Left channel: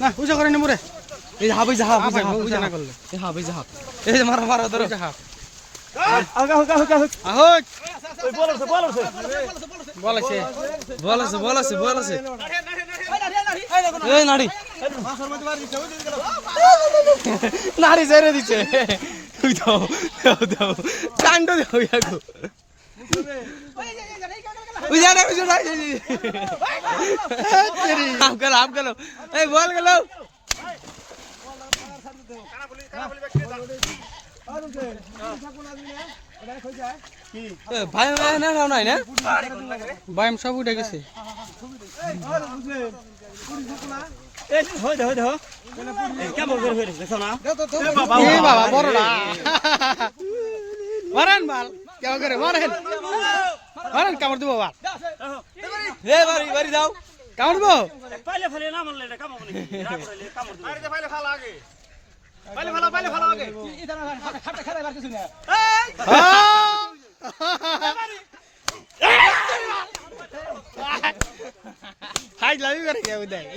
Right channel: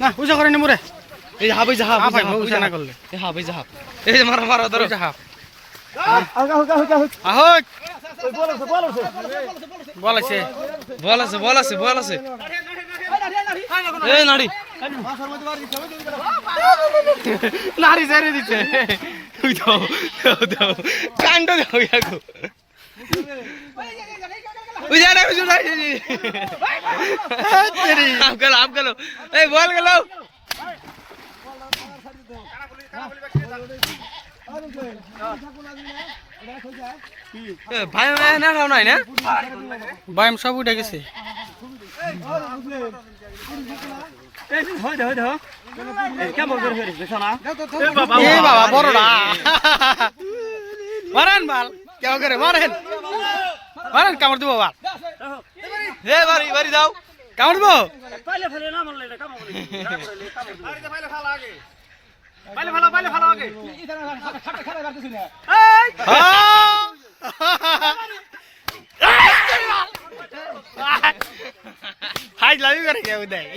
না উজা করে নি মোরে এই হাফ এই হাফ ভাই উজা না করলে এই হাফ এই যে মারা মারা ধরো উজা হাফ আগা আগা আগা আহোই ওই বল আছে বলেছে বল আছে এই নাড়ি নারী ছেড়ে দিছে তুই দাও কাণ্ড গাও ইয়াগো ওই যা না তেরি হাফ গেল এই বল গেল ভাই না রাও নাই না বাইম সব উঠে গেছে কেমন করে ফেরিস না এ বাবা বড়ডা মারেন বাল কেউ করে মারেন কামড় দিব বাল এ বাড়ি দাও কামড় দিব পাইলে ফেলে না মারলে এটা কাম হবে না করলে কাম হবে আরে পাইলে ফালা আগে পাইলে ফালা আগে ইদারা খাটা খাটা বার কিছু না হাই লাভি করে কেউ দেয়